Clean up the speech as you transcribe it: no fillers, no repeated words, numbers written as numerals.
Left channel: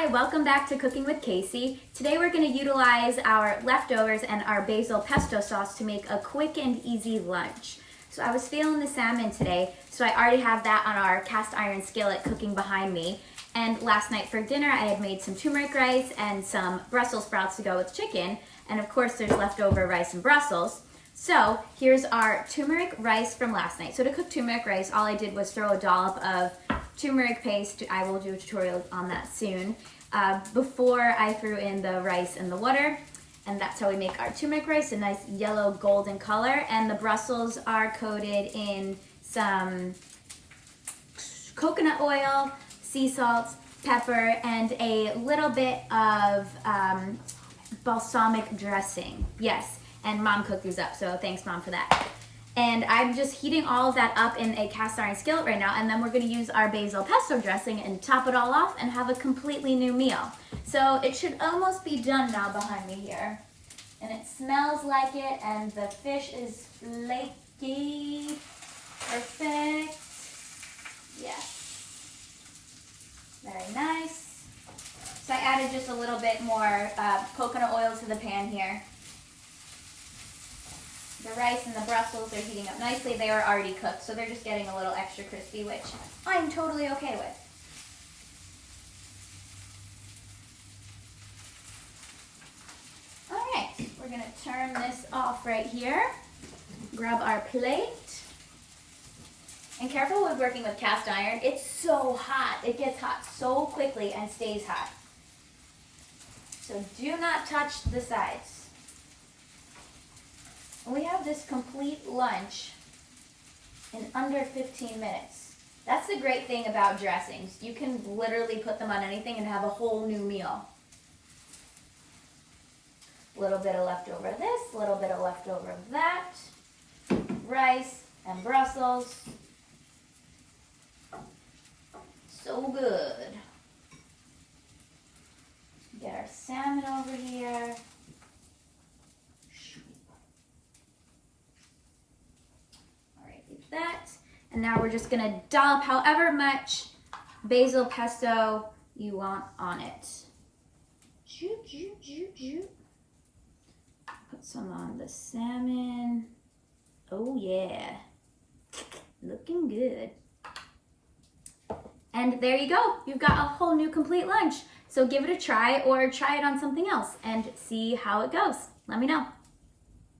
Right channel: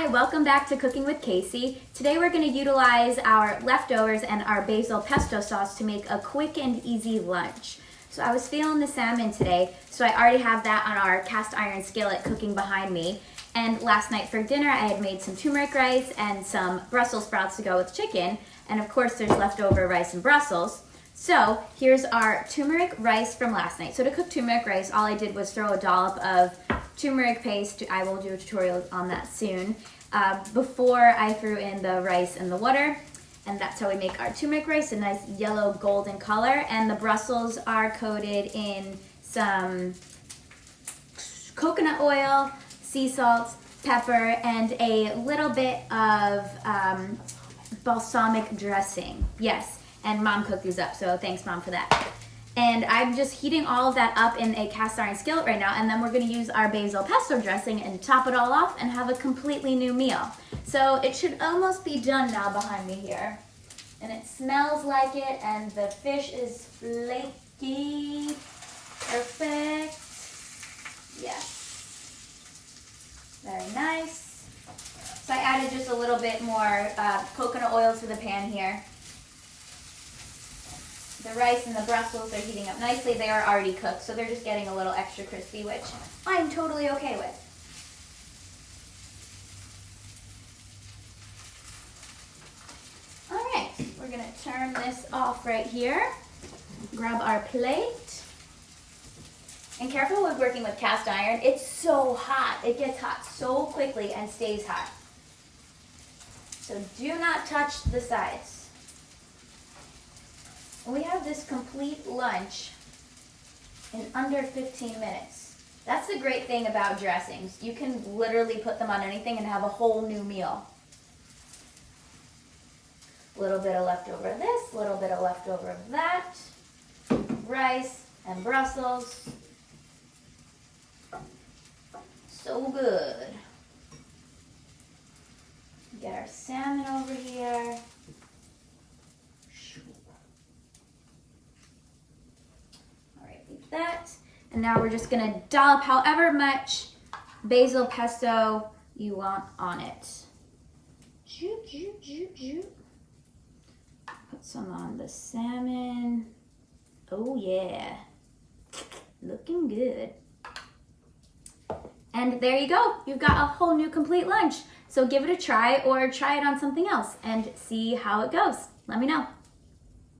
Hi, welcome back to Cooking with Casey. Today we're going to utilize our leftovers and our basil pesto sauce to make a quick and easy lunch. So I was feeling the salmon today, so I already have that on our cast iron skillet cooking behind me. And last night for dinner I had made some turmeric rice and some Brussels sprouts to go with chicken. And of course there's leftover rice and Brussels. So here's our turmeric rice from last night. So to cook turmeric rice, all I did was throw a dollop of turmeric paste. I will do a tutorial on that soon. Before I threw in the rice and the water, and that's how we make our turmeric rice, a nice yellow golden color. And the Brussels are coated in some coconut oil, sea salt, pepper, and a little bit of balsamic dressing. Yes, and Mom cooked these up, so thanks Mom for that. And I'm just heating all of that up in a cast iron skillet right now, and then we're gonna use our basil pesto dressing and top it all off and have a completely new meal. So it should almost be done now behind me here. And it smells like it, and the fish is flaky. Perfect. Yes. Very nice. So I added just a little bit more coconut oil to the pan here. The rice and the Brussels are heating up nicely. They are already cooked, so they're just getting a little extra crispy, which I'm totally okay with. All right, we're gonna turn this off right here. Grab our plate. And careful with working with cast iron. It's so hot. It gets hot so quickly and stays hot. So do not touch the sides. We have this complete lunch in under 15 minutes. That's the great thing about dressings. You can literally put them on anything and have a whole new meal. A little bit of leftover of this, a little bit of leftover of that. Rice and Brussels. So good. Get our salmon over here. That, and now we're just gonna dollop however much basil pesto you want on it. Put some on the salmon. Oh yeah, looking good. And there you go, you've got a whole new complete lunch. So give it a try, or try it on something else and see how it goes. Let me know.